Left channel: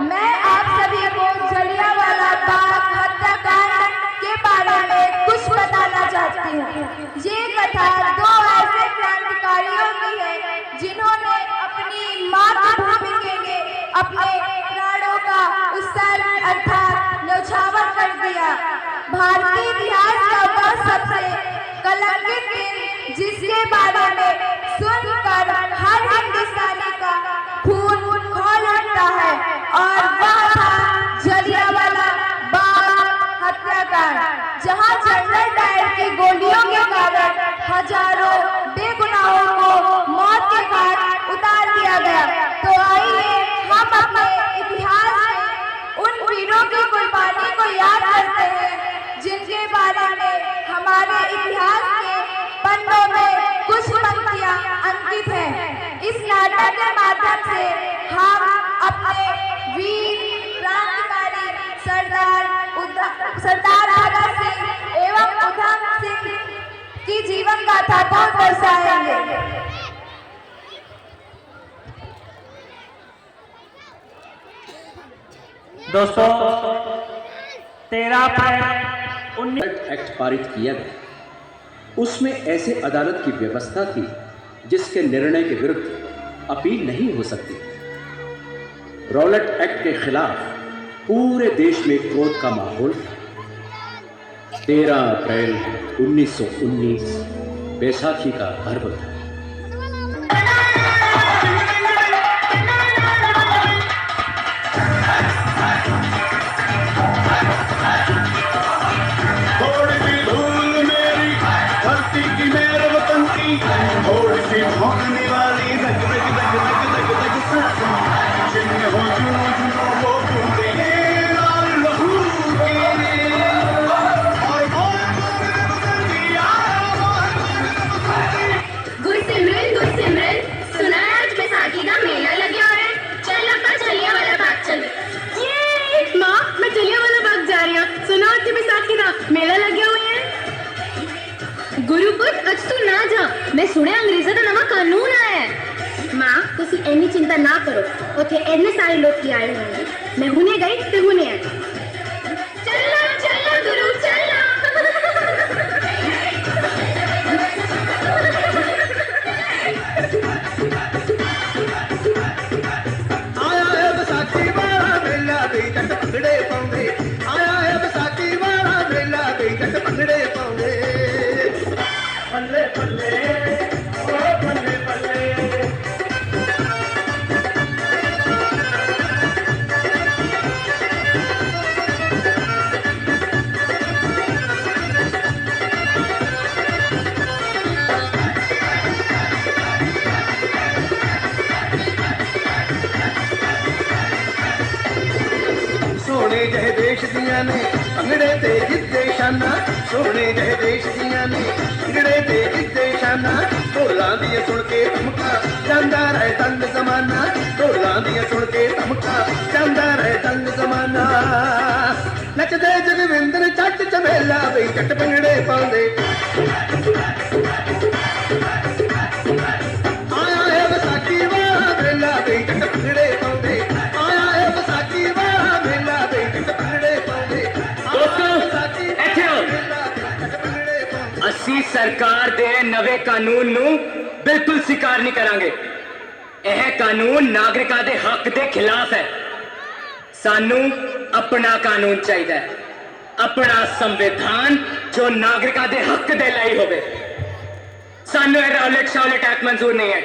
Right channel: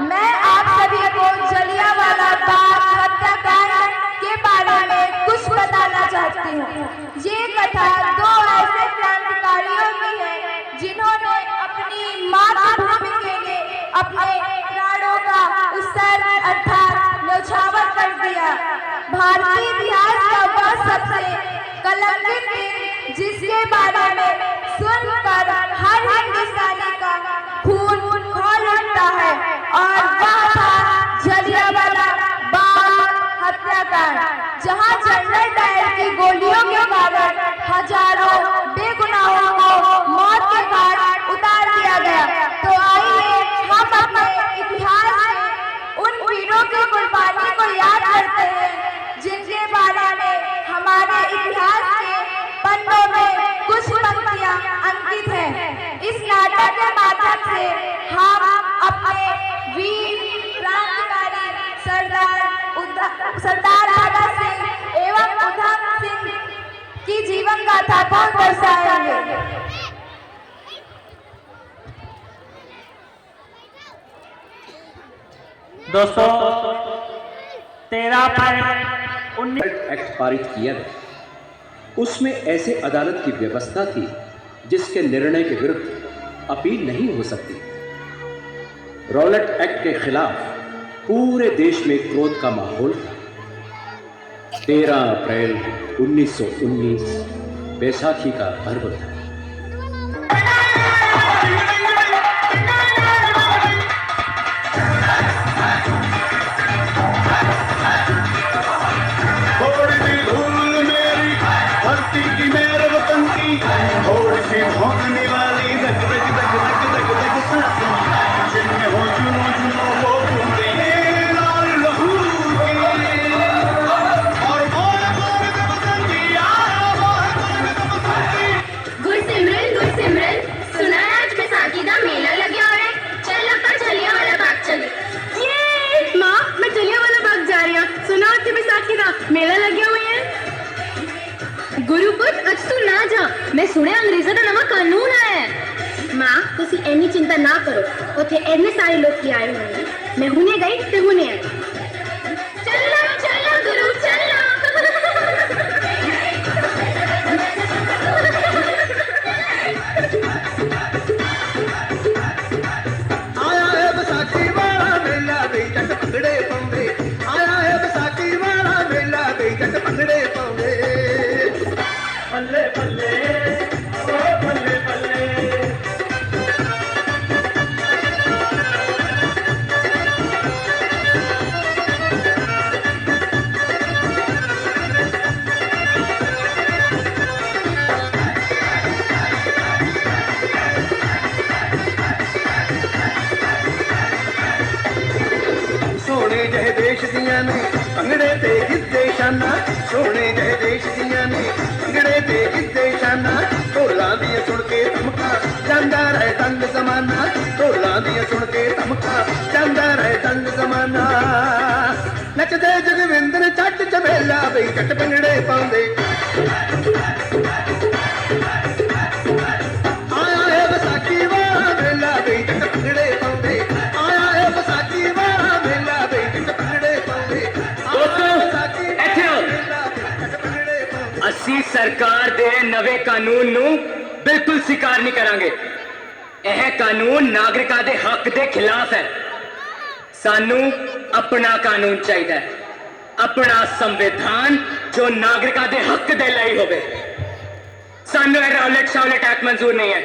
मैं आप सभी को जलियांवाला बाग हत्याकांड के बारे में कुछ बताना चाहती हूँ। ये कथा दो ऐसे क्रांतिकारियों की है जिन्होंने अपनी मातृभूमि के लिए अपने प्राणों का उत्सर्ग अर्थात न्यौछावर कर दिया। भारतीय इतिहास का वह सबसे कलंकित दिन जिसके बारे में सुनकर हर हिंदुस्तानी का खून खौल उठता है और वह था जलियांवाला बाग हत्याकांड, जहां जनरल डायर की गोलियों के कारण हजारों बेगुनाहों को मौत के घाट उतार दिया गया। तो आइए हम अपने इतिहास में उन वीरों की कुर्बानी को याद करते हैं जिनके बारे में हमारे इतिहास के पन्नों में कुछ पंक्तियां अंकित हैं। इस नाटक के माध्यम से हम अपने वीर क्रांतिकारी सरदार भगत सिंह एवं उधम सिंह की जीवन गाथा को दर्शाएंगे। दोस्तों, 13 एक्ट पारित किया गया। उसमें ऐसे अदालत की व्यवस्था थी जिसके निर्णय के विरुद्ध अपील नहीं हो सकती। रॉलेट एक्ट के खिलाफ पूरे देश में क्रोध का माहौल था। 13 अप्रैल 1919 बैसाखी का पर्व था। मैं सुने अंग्रेज़ों का नवा कानून आया है। माँ तुसी ऐनी चिंता ना करो, उथे ऐने सारे लोग की आए होंगे। मैं हुने गई ते हुने आई। चलना चलना गुरु चलना। आया है बैसाखी वाला मेला दे जग भंगड़े पाਉਂਦੇ। आया है बैसाखी वाला मेला दे जग भंगड़े पाਉਂਦੇ। पल्ले पल्ले ओ पल्ले पल्ले। सोने जह देश दियां ने भंगड़े ते गिद्धे शाना। सोने जह देश दियां ने भंगड़े ते गिद्धे शाना। ढोलां दी सुन के धमका जांदा रहे तंग जमाना। ढोलां दी सुन के धमका जांदा रहे तंग जमाना। नचदे जगविंदर चट चमेला बई जट भंगड़े पाਉਂਦੇ। आया है बैसाखी वाला मेला बई जट भंगड़े पाਉਂਦੇ। आया है बैसाखी वाला मेला बई जट भंगड़े पाਉਂਦੇ। ਅਸੀਂ ਸਰਕਾਰ ਦੇ ਨਵੇਂ ਕਾਨੂੰਨ ਨੂੰ ਬਿਲਕੁਲ ਸਵੀਕਾਰ ਨਹੀਂ ਕਰਾਂਗੇ। ਇਹ ਕਾਨੂੰਨ ਨਾਗਰਿਕਾਂ ਦੇ ਹੱਕ ਦੇ ਖਿਲਾਫ ਹੈ। ਸਾਨੂੰ ਆਪਣਾ ਕਾਨੂੰਨ ਚਾਹੀਦਾ ਹੈ, ਆਪਣਾ ਸੰਵਿਧਾਨ ਜੋ ਨਾਗਰਿਕਾਂ ਦੇ ਹੱਕ ਦੇ ਲਈ ਹੋਵੇ। ਸਾਨੂੰ ਇਹ ਰੌਲਟ ਐਕਟ ਮਨਜ਼ੂਰ ਨਹੀਂ ਹੈ।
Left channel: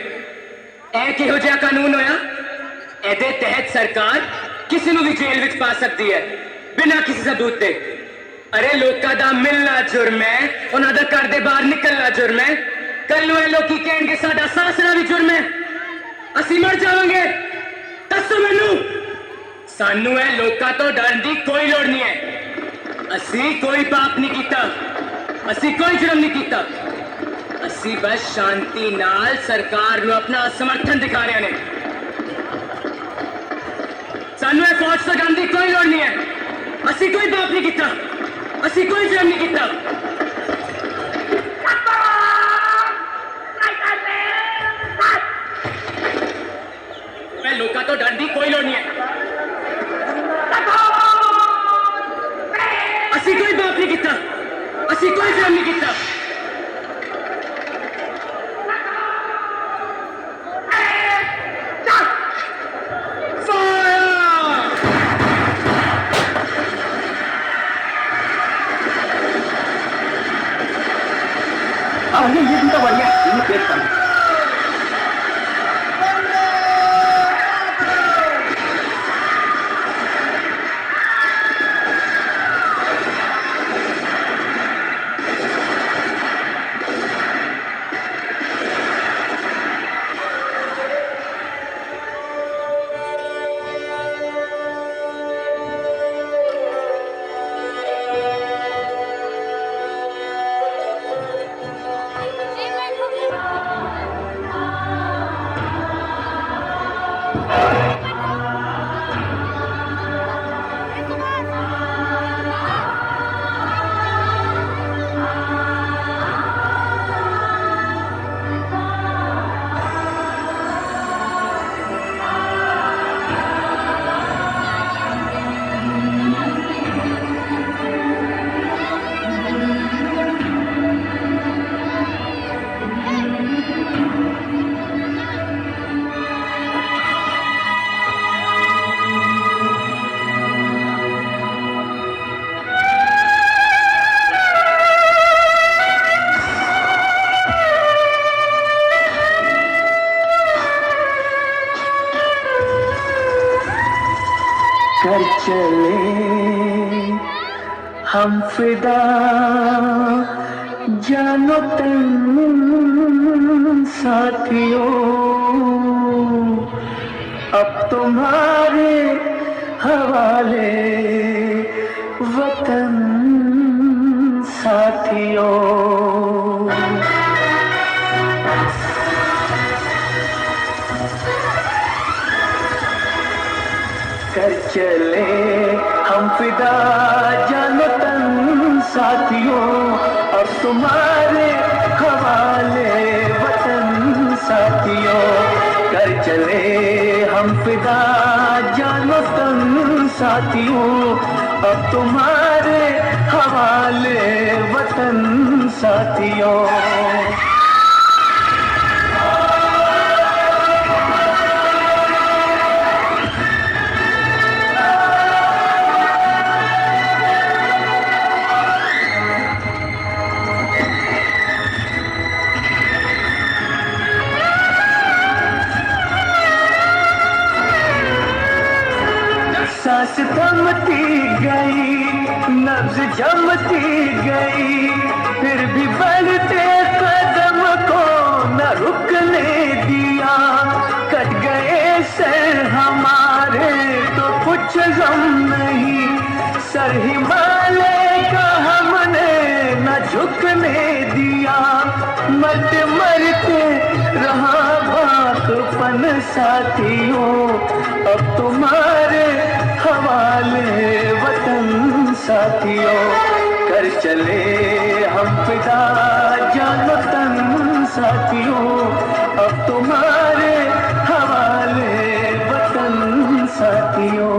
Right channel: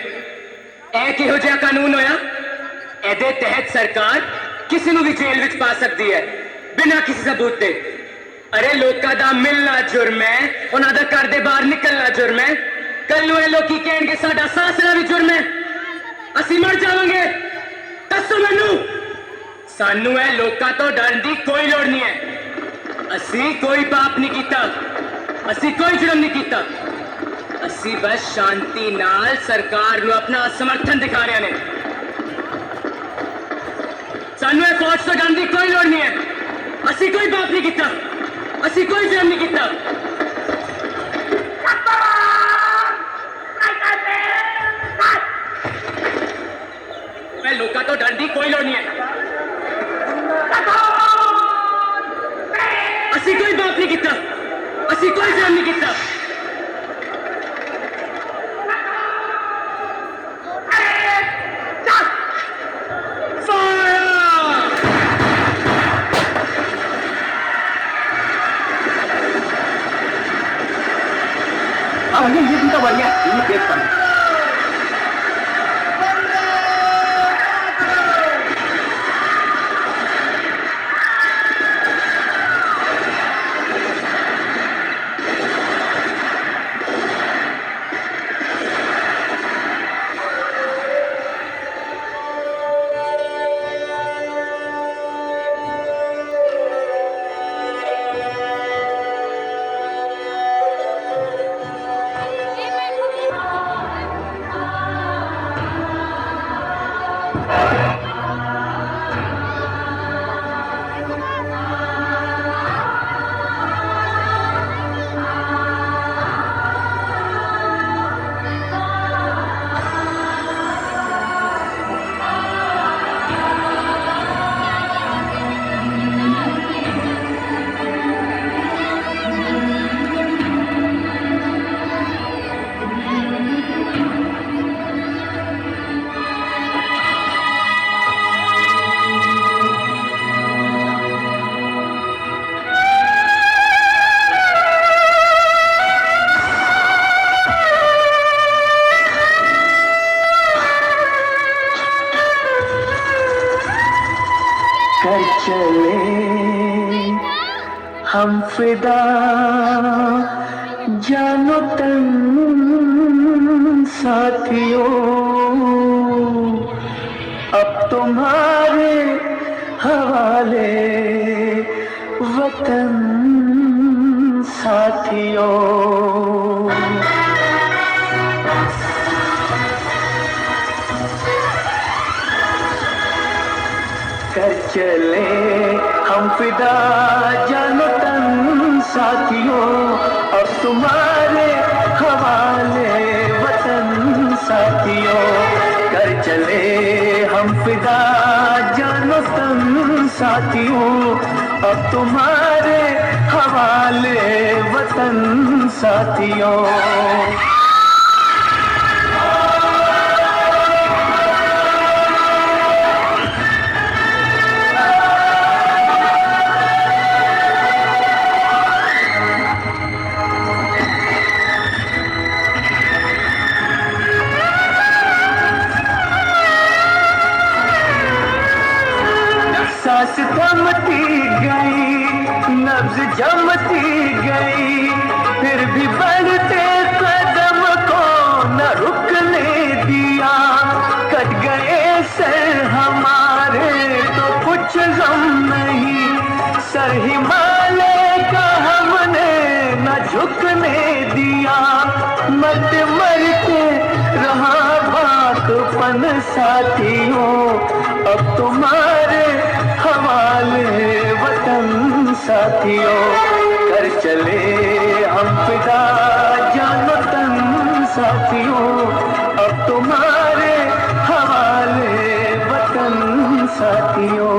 ਇਹ ਕਿਹੋ ਜਿਹਾ ਕਾਨੂੰਨ ਹੋਇਆ? ਇਹਦੇ ਤਹਿਤ ਸਰਕਾਰ ਕਿਸੇ ਨੂੰ ਵੀ ਜੇਲ੍ਹ ਵਿੱਚ ਪਾ ਸਕਦੀ ਹੈ ਬਿਨਾਂ ਕਿਸੇ ਸਬੂਤ ਦੇ। अरे लोगों का मिलना जुर्म है, उन्होंने घर के बाहर निकलना जुर्म है। कल लोग कहेंगे साडा सासरा भी जुर्म है, असी मर जाओगे। दसो मैनू, सानू है लोगों तो डरन की कोई लोड़ नहीं है। असी कोई पाप नहीं किया, असी कोई जुर्म नहीं किया। असी बस शांति नाल सरकार को अपना समर्थन दिखा रहे हैं। सानू फौज तो डरन की कोई लोड़ नहीं है। असी कोई पाप नहीं किया, असी कोई जुर्म नहीं किया। लोगों तो डर की कोई लोड़ नहीं है। के तन। कर चले हम फिदा जानो तन साथियों, अब तुम्हारे हवाले वतन साथियों। कर चले हम फिदा जानो तन साथियों, और तुम्हारे हवाले वतन साथियों। कर चले हम फिदा जानो तन साथियों, और तुम्हारे हवाले वतन साथियों। सांस थमती गई, नब्ज जमती गई, फिर भी बढ़ते कदम को न रुकने दिया। कट गए से हमारे तो कुछ गम नहीं, सर हिमालय का हमने न झुकने दिया। मरते मरते रहा बातपन साथियों, अब तुम्हारे हवाले वतन साथियों। कर चले हम फिदा जानो तन साथियों, अब तुम्हारे हवाले वतन साथियों।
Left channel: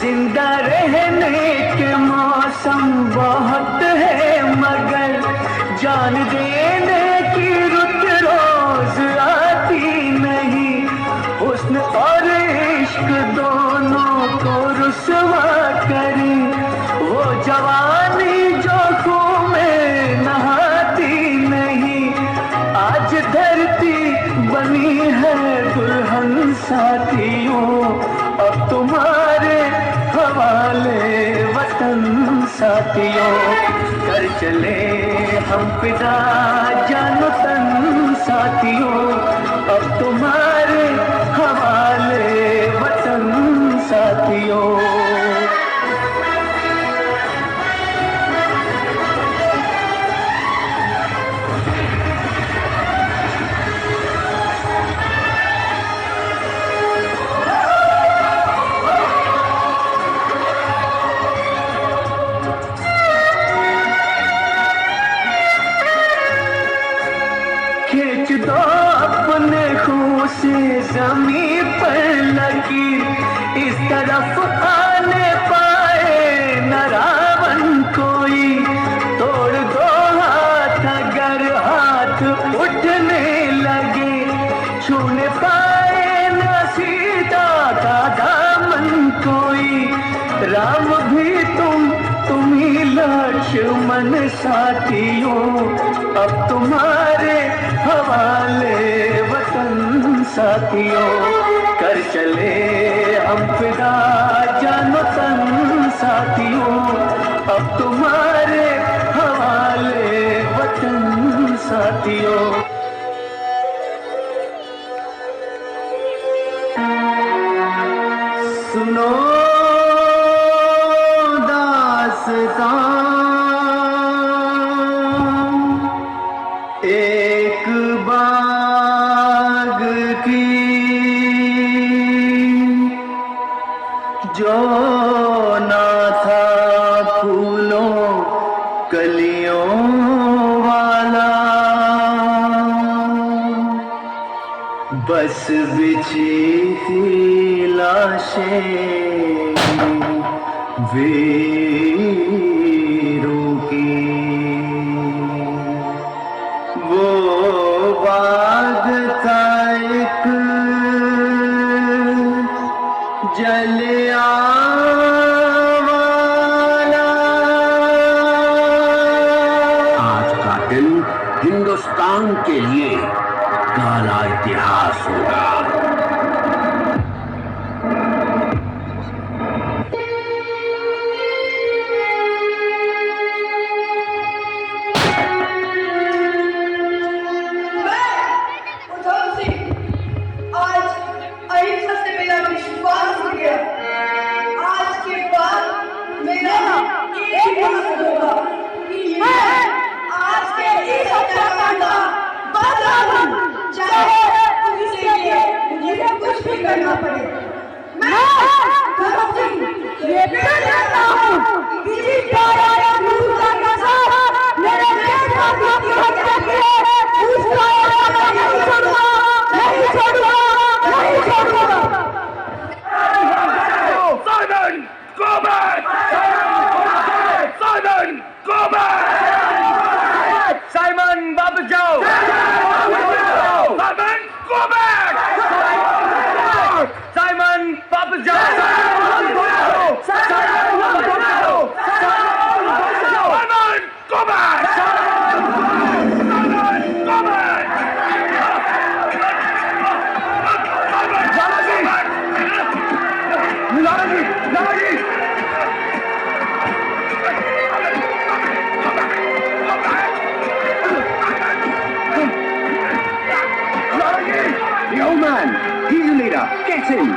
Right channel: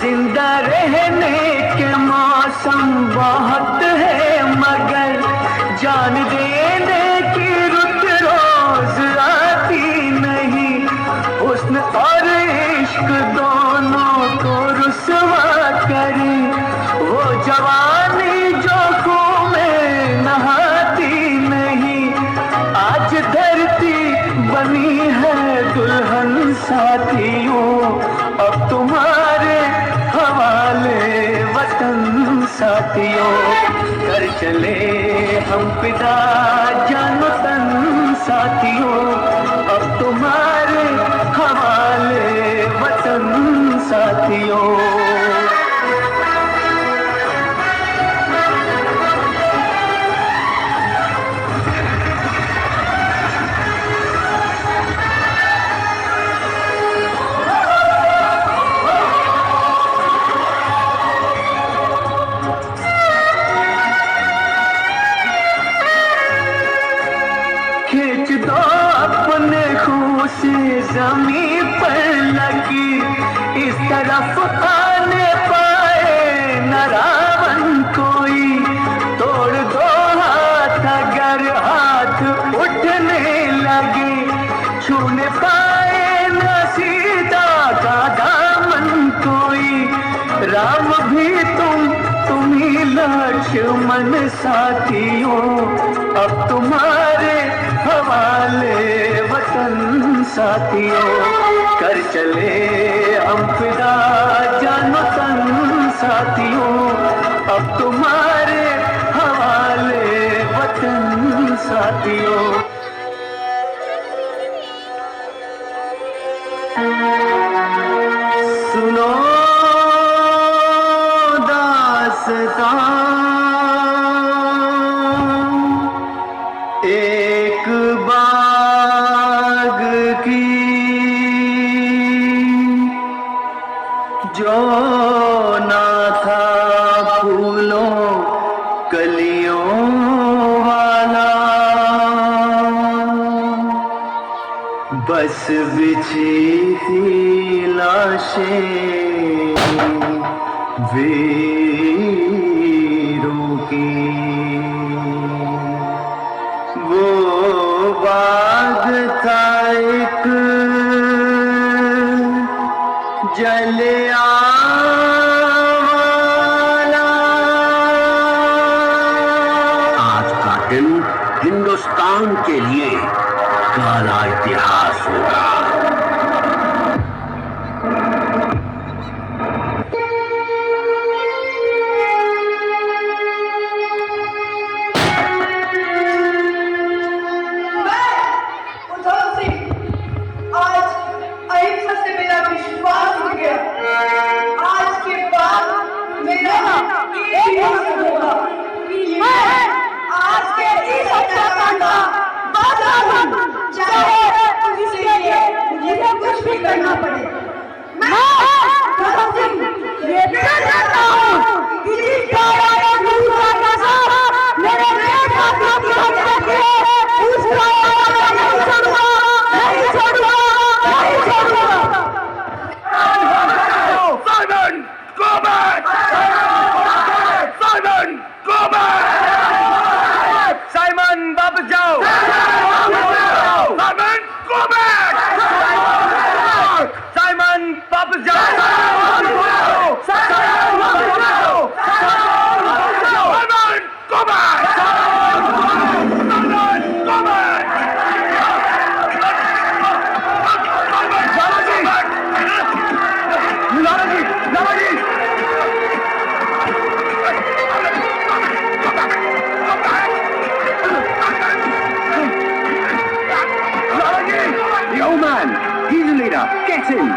जिंदा रहने के मौसम बहुत है, मगर जान देने की रुत रोज आती नहीं। हुस्न और इश्क दोनों को रुसवा करे, वो जवानी जो खून में नहाती नहीं। आज धरती बनी है दुल्हन साथियों, अब तुम्हारे हवाले वतन साथियों। कर चले हम फिदा जानो तन साथियों, अब तुम्हारे हवाले वतन साथियों। खींच दो अपने खून से जमीन पर लगी, इस तरफ आने पाए दुश्मन साथियों अब तुम्हारे हवाले वतन साथियों कर चले हम फिदा जानो तन साथियों अब तुम्हारे हवाले वतन साथियों सुनो दास्तां एक बाग की जो ना था फूलों कलियों वाला बस बिछी थी लाशें वीरों की वो बाग था एक जलियांवाला आज का दिन हिंदुस्तान के लिए काला इतिहास होगा। आज अहिंसा से मेरा विश्वास हो गया। आज के बाद मेरा एक ही मकसद होगा कि मैं आज के इस हत्याकांड का बदला लूं, चाहे इसके लिए मुझे कुछ भी करना पड़े। मैं भगत सिंह ये प्रण करता हूं कि जिस कायरा गुरु का नजर मेरे देशवासियों की हत्या की है उस कायरा को नहीं छोड़ूंगा, नहीं छोड़ूंगा, नहीं छोड़ूंगा। Simon, go back! Simon, go back! Simon वापस जाओ। Simon, go back! साइमन वापस जाओ। Simon, go back! The old man, he's the leader. Get him.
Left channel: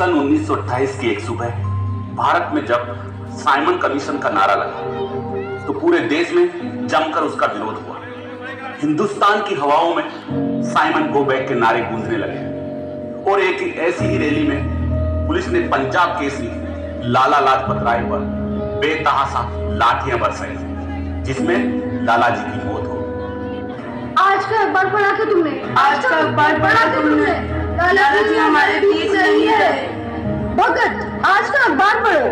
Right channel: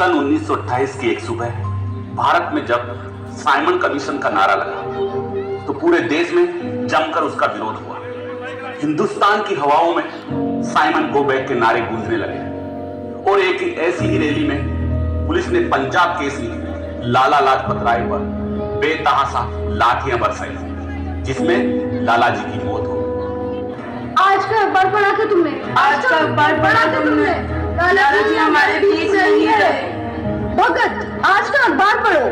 सन 1928 की एक सुबह भारत में जब साइमन कमीशन का नारा लगा तो पूरे देश में जमकर उसका विरोध हुआ। हिंदुस्तान की हवाओं में साइमन गो बैक के नारे गूंजने लगे और एक ऐसी ही रैली में पुलिस ने पंजाब केसरी लाला लाजपत राय पर बेतहाशा लाठियां बरसाई जिसमें लाला जी की मौत हो गई। आज का अखबार पढ़ा था तुमने? आज का अखबार पढ़ा तुमने? लाला जी हमारे बीच नहीं है। भगत, आज का अखबार पढ़ो।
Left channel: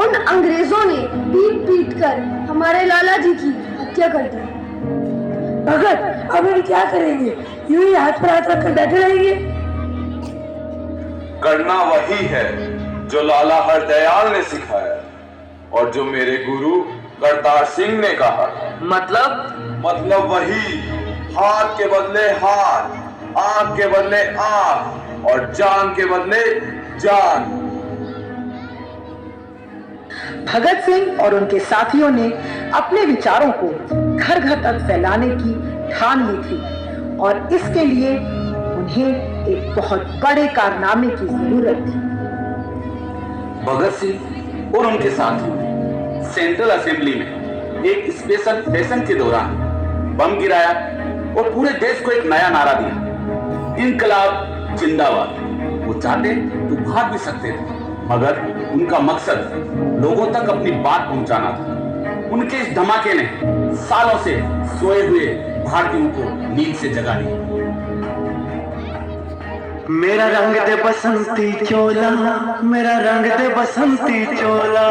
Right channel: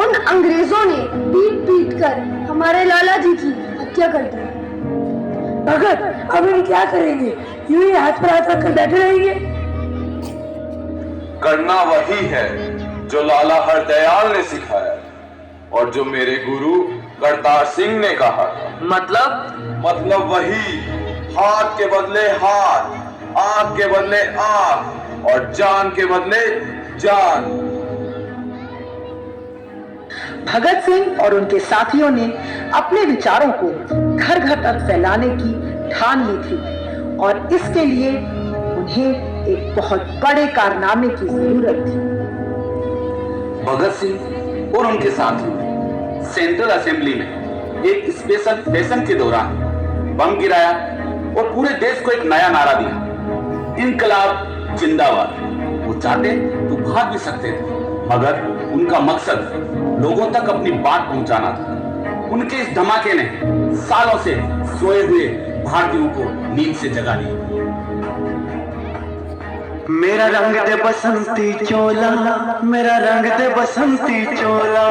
उन अंग्रेजों ने पीट पीट कर हमारे लाला जी की हत्या कर दी। भगत, अब हम क्या करेंगे? यूं ही हाथ पर हाथ रखकर बैठे रहेंगे? करना वही है जो लाला हरदयाल ने सिखाया और जो मेरे गुरु करतार सिंह ने कहा। मतलब वही, हाथ के बदले हाथ, आंख के बदले आंख और जान के बदले जान। भगत सिंह और उनके साथियों ने अपने विचारों को घर घर तक फैलाने की ठान ली थी और इसके लिए उन्हें एक बहुत बड़े कारनामे की जरूरत थी। भगत सिंह और उनके साथी सेंट्रल असेंबली में एक स्पेशल सेशन के दौरान बम गिराया और पूरे देश को एक नया नारा दिया, इनकलाब जिंदाबाद। वो चाहते तो भाग भी सकते थे मगर उनका मकसद लोगों तक अपनी बात पहुंचाना था। उनके इस धमाके ने सालों से सोए हुए भारतीयों को नींद से जगा दिया। मेरा रंग दे बसंती चोला, मेरा रंग दे बसंती चोला,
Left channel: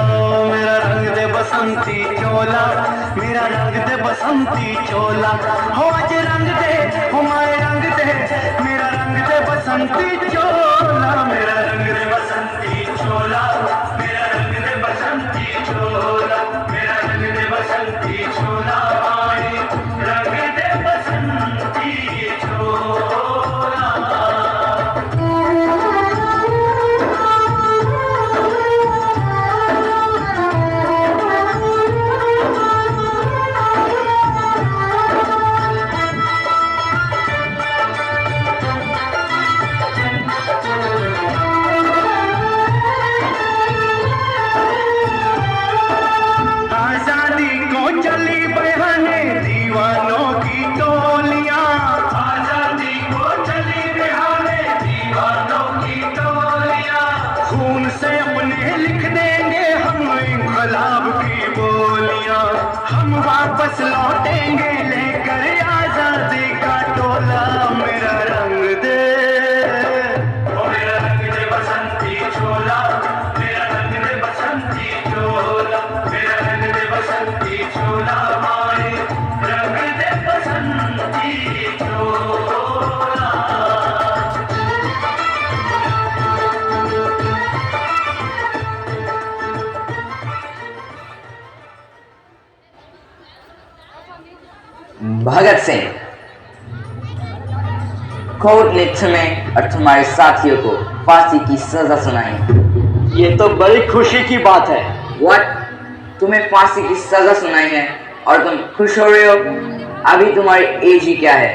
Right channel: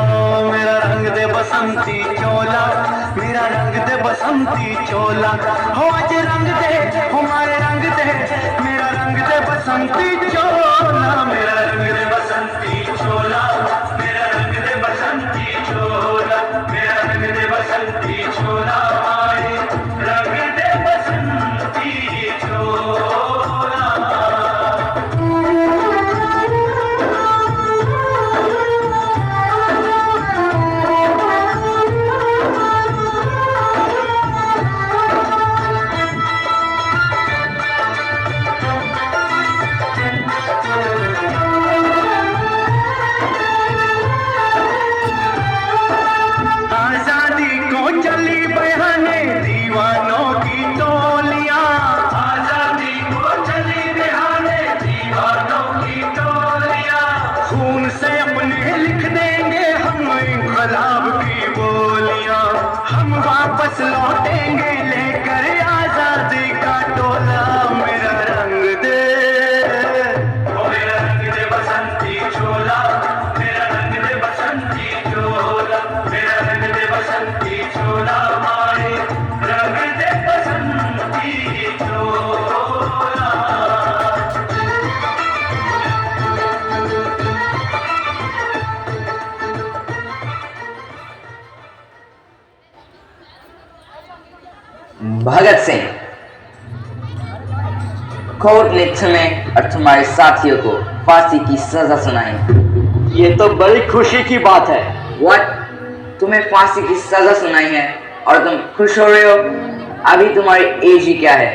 मेरा रंग दे बसंती चोला, मेरा रंग दे बसंती चोला, हो आज रंग दे हमारे रंग दे, मेरा रंग दे बसंती चोला, मेरा रंग दे बसंती चोला, मेरा रंग दे बसंती चोला, मेरा रंग दे बसंती चोला, हमारे रंग दे बसंती चोला। आजादी को चली बहाने दीवानों की टोलियां, आजादी को चली बहाने दीवानों की टोलियां, खून से अपने लिख देंगे हम इनकलाब की बोलियां, हम वापस लौटेंगे लेकर आजादी का टोला, मेरा रंग दे, मेरा रंग दे बसंती चोला, मेरा रंग दे बसंती चोला, मेरा रंग दे बसंती चोला, हमारे रंग दे बसंती चोला। भगत सिंह, कोर्ट ने तुम्हें और तुम्हारे साथियों को फांसी की सजा सुनाई। ये तो बड़ी खुशी की बात है। What? तुम्हें फांसी की सजा सुनाई है और तुम खुश हो रहे हो? अभी तुम्हारी एज ही क्या है?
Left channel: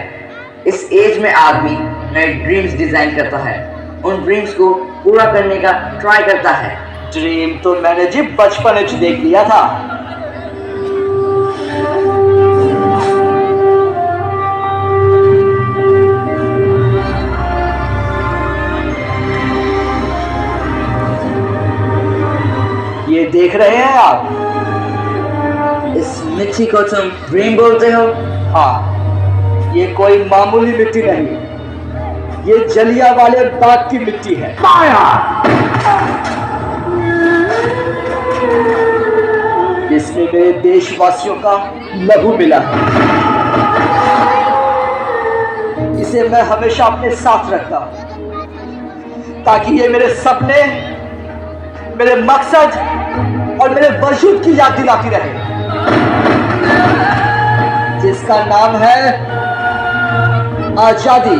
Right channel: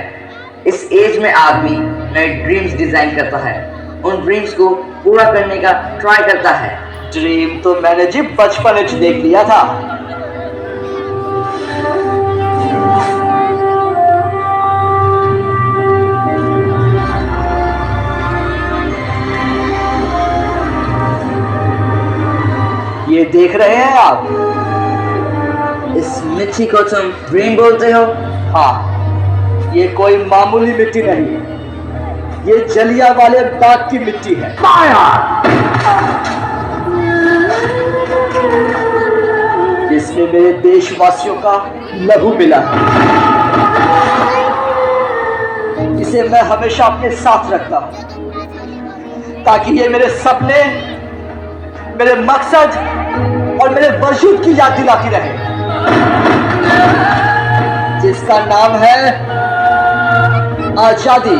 इस एज में आदमी नए ड्रीम्स डिजाइन करता है, उन ड्रीम्स को पूरा करने का ट्राई करता है। ड्रीम तो मैंने जी बचपन में देख लिया था। ये देख रहे हैं आप? इस मिट्टी को तुम ड्रीम बोलते हो? हाँ, ये कोई मामूली मिट्टी नहीं, ये जलियांवाले बाग की मिट्टी है। इसमें मेरे देशवासियों का लहू मिला है। इसे मैं हमेशा अपने साथ रखता हूं ताकि ये मेरे सपने, मेरे मकसद और मेरे वजूद की याद दिलाती रहे, जिसका नाम है आजादी।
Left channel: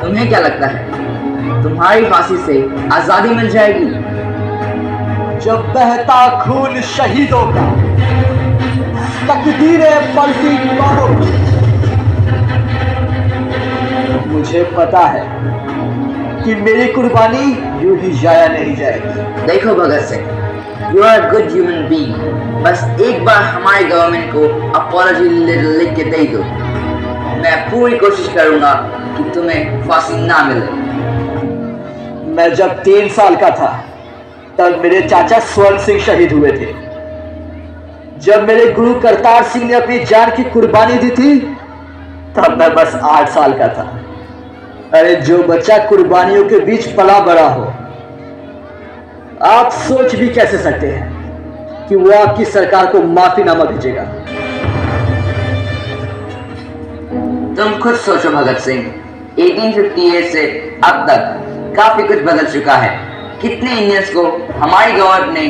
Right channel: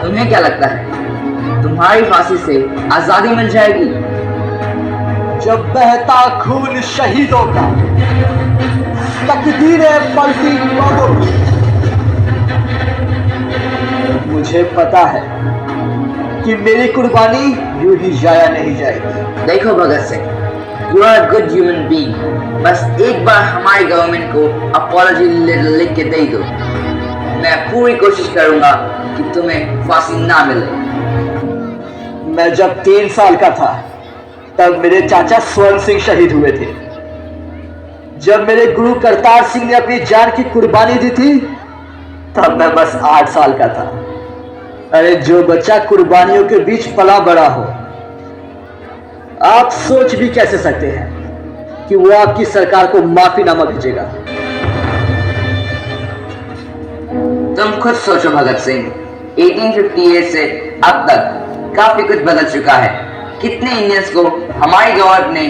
तुम्हें क्या लगता है तुम्हारी फांसी से आजादी मिल जाएगी? जब बहता खून शहीदों का, तकदीरें पलटी बादों की, मुझे पता है कि मेरी कुर्बानी यूं ही जाया नहीं जाएगी। देखो Bhagat Singh, you are a good human being. बस एक बार हमारी गवर्नमेंट को अपॉलजी लेटर लिख के दे दो। मैं पूरी कोशिश करूंगा कि तुम्हें फांसी ना मिले। मैं जब 3 साल का था तब मेरे चाचा स्वर्ण सिंह शहीद हुए थे। जब मेरे गुरु करतार सिंह ने अपनी जान की कुर्बानी दी थी तब मैं बस 8 साल का था। अरे जो बच्चा कुर्बानियों के बीच पला बड़ा हो, आप सोच भी कैसे सकते हैं कि वो आपकी सरकार को माफीनामा भेजेगा? तुम खुद सोचो भगत सिंह, 1858 से अब तक काफी कुछ बदल चुका है। कितने इंडियंस को हमारी गवर्नमेंट ने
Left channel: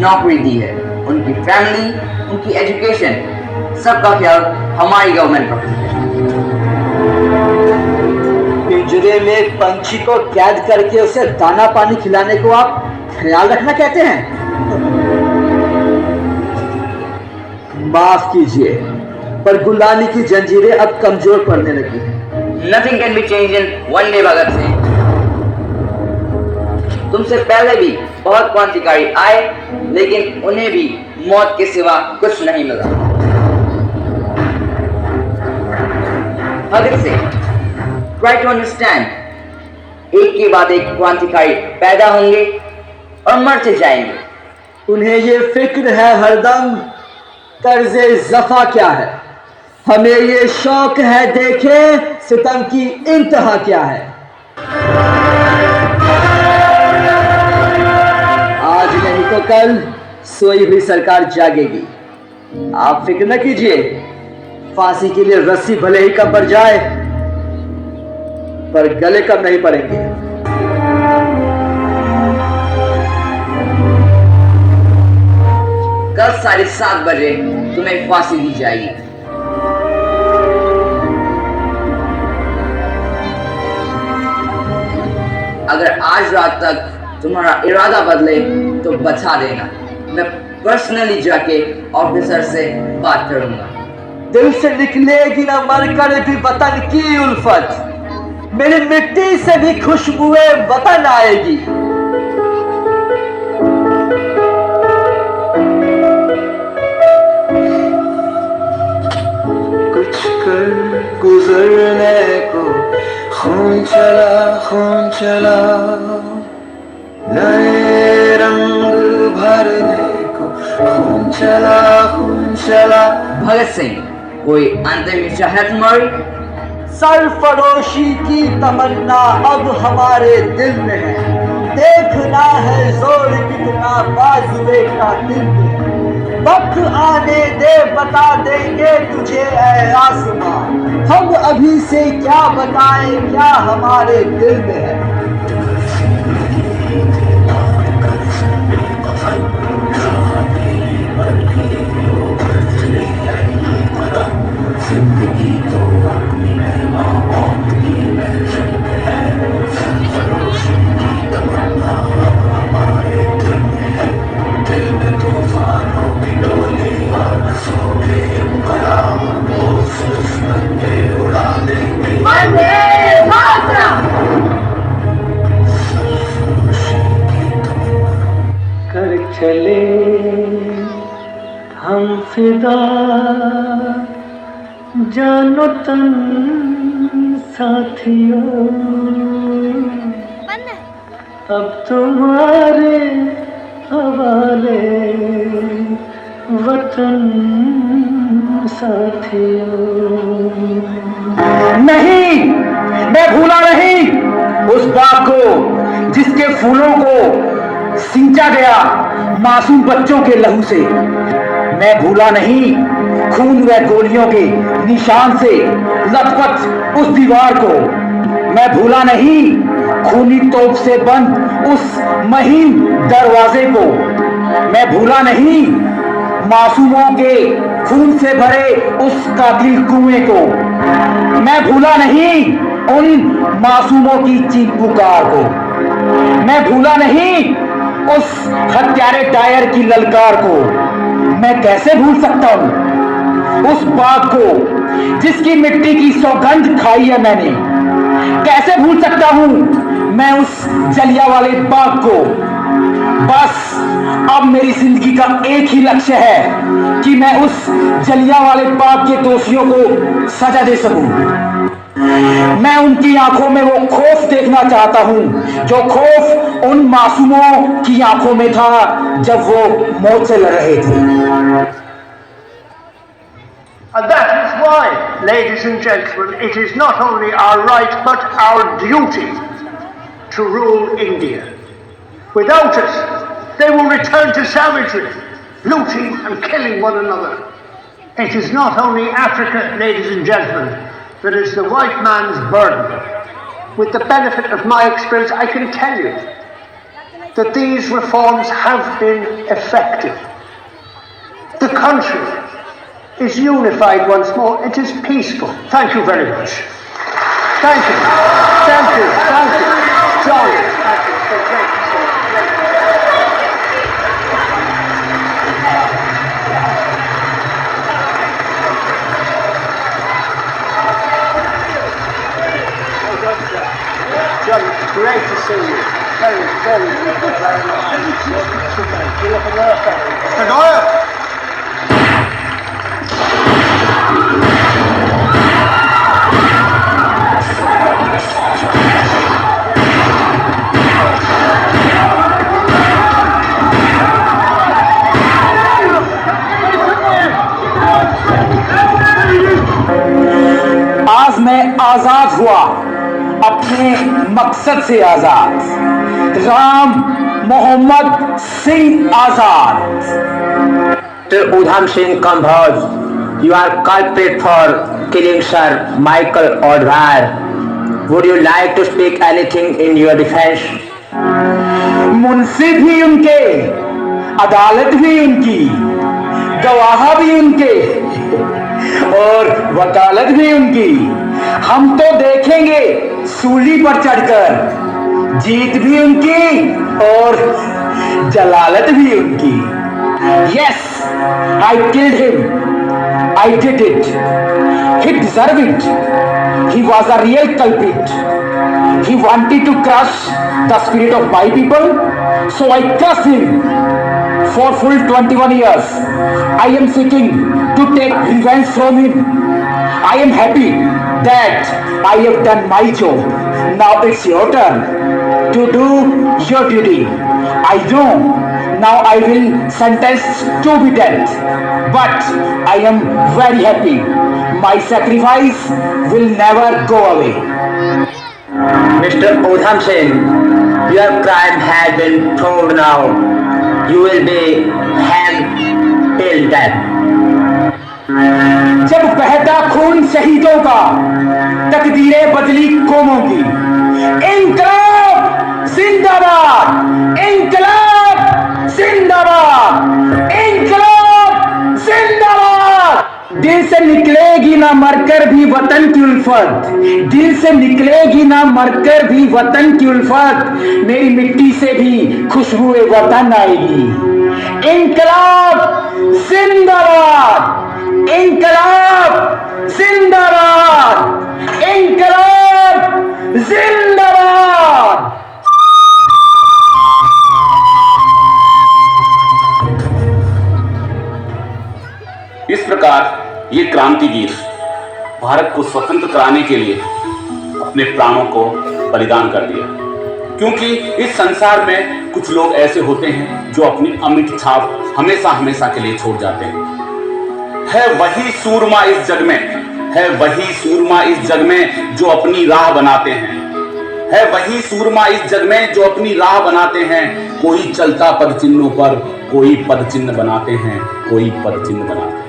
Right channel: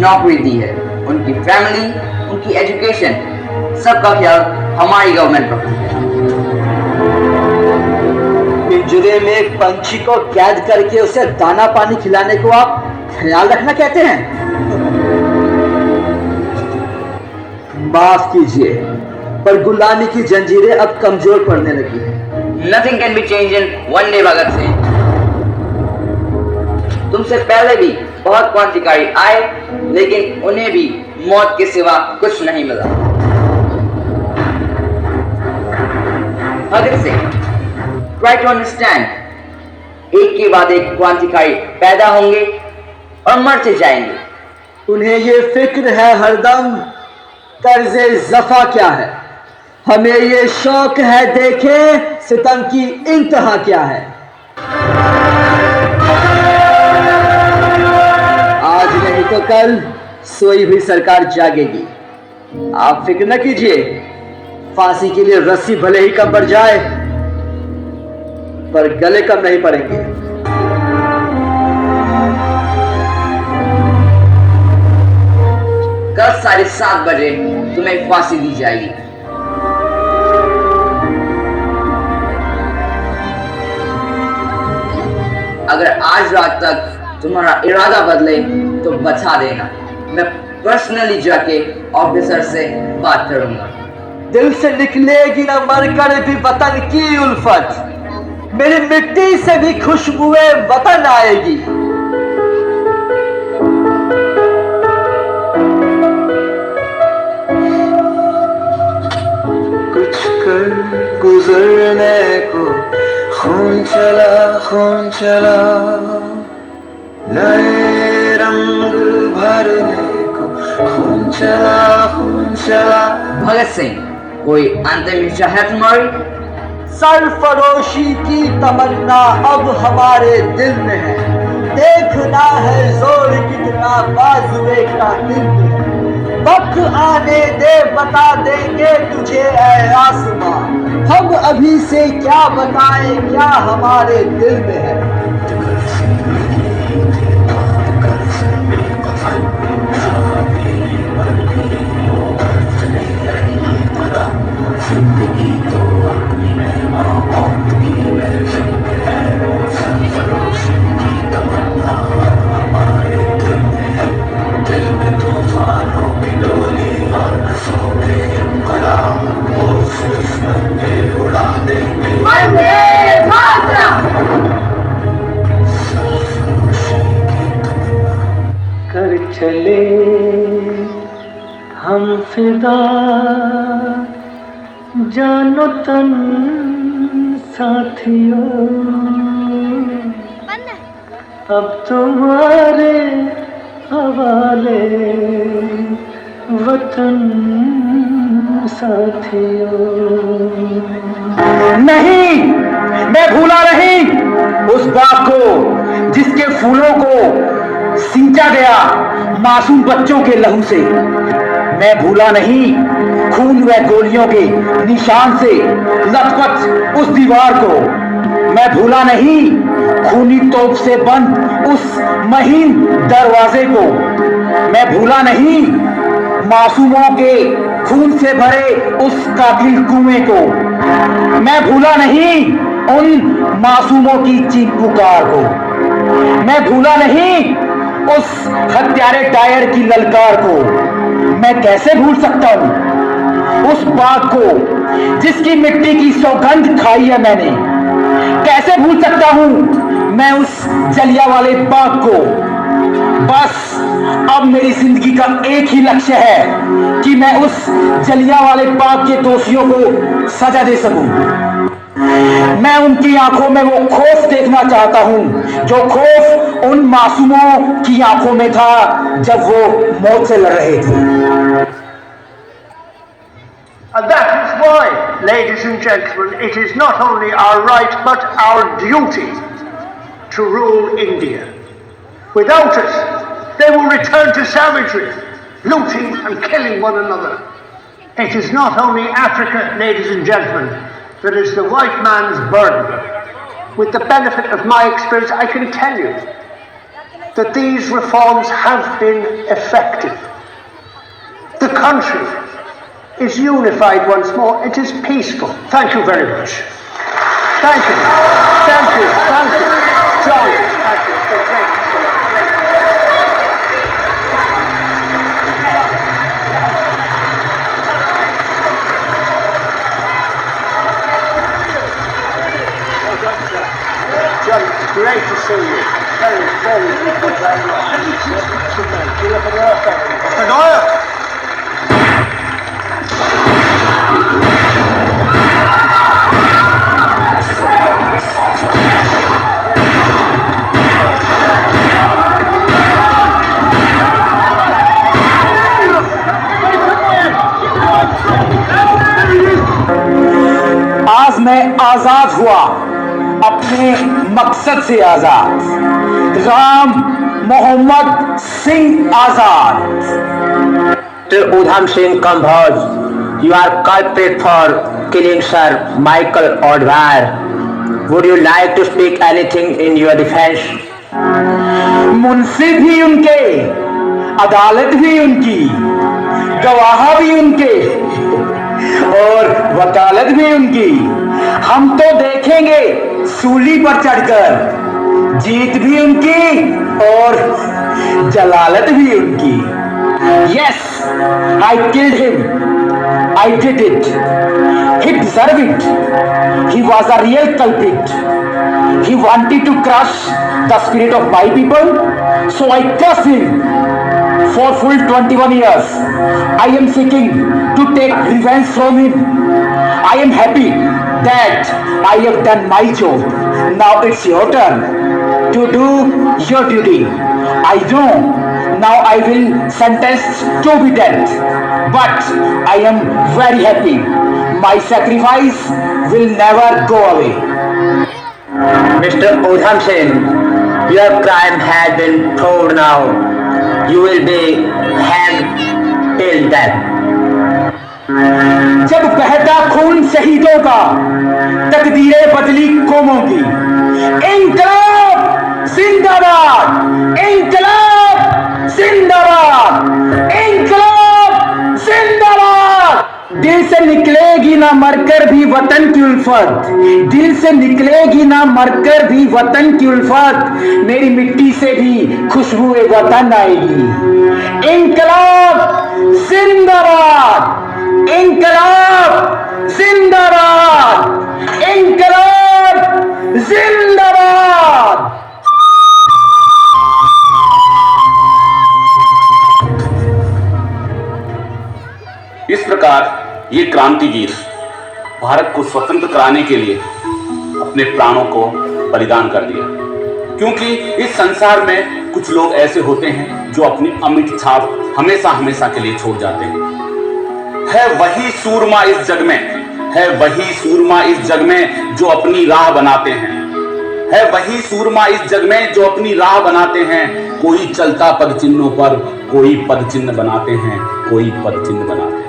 नौकरी दी है, उनकी फैमिली, उनकी एजुकेशन, सबका ख्याल हमारी गवर्नमेंट रखती है। पिंजरे में एक पंछी को कैद करके उसे दाना पानी खिलाने को आप ख्याल रखना कहते हैं? माफ कीजिए, पर गुलामी की जंजीरें अब कमजोर पड़ने लगी हैं। Nothing can be changed in one day, Bhagat Singh. तुमसे पहले भी बहुत क्रांतिकारी आए, लेकिन उन्हें भी मौत के सिवा कुछ नहीं मिला। Bhagat Singh, try to understand. एक के बाद एक क्रांतिकारी पैदा होंगे और मरते जाएंगे। उन्हें ये फिक्र है हरदम कर्ज़े ज़फ़ा क्या है, हमें ये शौक है देखें सितम की इंतहा क्या है। आज नहीं तो कल सोई हुई सरकार जागेगी। आप फिक्र न कीजिए, फांसी के लिए रस्सी भले ही कम पड़ जाए पर गले कम नहीं पड़ेंगे। कल 7:30 बजे तुम्हें फांसी दी जाएगी। अगर आज रात तक तुम्हारा इरादा बदले तो बता देना, मैं पर्सनली जाके ऑफिसर से बात करूंगा। दिल से निकलेगी ना मर कर भी वतन की उल्फत, मेरी मिट्टी से भी खुशबुएं वतन आएगी। कुछ कर गुजरने को खून चला नए रंग भरने को खून चला। भगत सिंह, कोई अंतिम चाहत तुम्हारी? सरफरोशी की तमन्ना अब हमारे दिल में है, देखना है जोर कितना बाजुए का दिल में। वक्त आने दे बता देंगे तुझे ऐ आसमां, हम अभी से क्या बताएं क्या हमारे दिल में है। कर चले हम फिदा जानो तन साथियों, अब तुम्हारे हवाले वतन साथियों। नहीं, मैं भूला नहीं उस बात को जिसके फूलों को सींचा गया मासूम बच्चों के लहू से। मैं भूला नहीं खून व गोलियों के निशान से लथपथ उस दीवार को। मैं भूला नहीं खूनी तोप से बंद उस महीन दरवाजे को। मैं भूला नहीं मासूमों के खून से भरे उस कातिल कुएं को। मैं भूला नहीं उन मासूमों की चीख पुकार को। मैं भूला नहीं उस हत्यारे टायर की ललकार को। मैं कैसे भूल सकता हूँ उस बात को जिसकी मिट्टी की सौगंध खाई है मैंने। कैसे भूल सकता हूँ मैं उस जलियांवाले बाग को। बस अब मेरी जिंदगी का एक ही लक्ष्य है कि मैं उस जलियांवाले बाग के दोषियों को सजा दे सकूं। मैं उनकी आंखों में वो खौफ देखना चाहता हूं जो खौफ उन मासूमों की आंखों में था जब वो मौत से लड़ रहे थे। And that is why, ladies and gentlemen, it is not only our right but our duty to rule India. Without it, they will return to savagery, looting and killing one another. It is not only Africa, ladies and gentlemen, that is the white man's burden. With the benefit of my experience, I can tell you that these reforms have been effective. The country is unified once more. It is peaceful. Thank you very much. Thank you. Thank you. Thank you. Thank you. John, it's great to see you. Very, very good. हुआ अपने मकसद से आजाद, राम मोहम्मद सिंह आजाद। Udham Singh Kamboj, you are culprit for killing Sir Michael Odwar. Would you like to speak anything in your defense? Munshi भी उनके, अदालत भी उनकी, गवाह भी उनके और वकालत भी उनकी। हम तो देखेंगे सूली पर चढ़कर, जीत भी उनकी और जलालत भी उनकी। Yes, I killed him. I did it. He deserved it. He was a real culprit. He wanted to crush the spirit of my people, so I crushed him. For full 21 years, I am seeking to take revenge from him. I am happy that I have done my job. Now it's your turn to do your duty. I know now I will sentence to be death, but I am very happy. My sacrifice will never go away. Mr. Udham Singh, your crime has been proved now. You will be hanged till death. जब बहता खून शहीदों का, तकदीरें बदली कौमों की। इंकलाब जिंदाबाद, इंकलाब जिंदाबाद, इंकलाब जिंदाबाद। दिल से निकलेगी ना मरकर भी वतन की उल्फत, दिल से निकलेगी ना मरकर भी वतन की उल्फत, मेरी मिट्टी से भी खुशबू वतन आएगी। इंकलाब जिंदाबाद, इंकलाब जिंदाबाद, इंकलाब जिंदाबाद। इस प्रकार ये क्रांतिवीर भारत को स्वतंत्र कराने के लिए अपने प्राणों को बलिदान कर दिया। क्योंकि इस संसार में कुछ लोग ऐसे होते हैं जो अपनी अमिट छाप हमेशा हमेशा के लिए छोड़ जाते हैं। है वही सूरमा इस जग में, है वही सूरमा इस जग में जो अपनी राह बनाते हैं, है वही सूरमा इस जग में जो अपनी राह बनाते हैं। कोई चलता पद चिन्हों पर, कोई पद चिन्ह बनाते हैं, कोई पद चिन्ह बनाते हैं।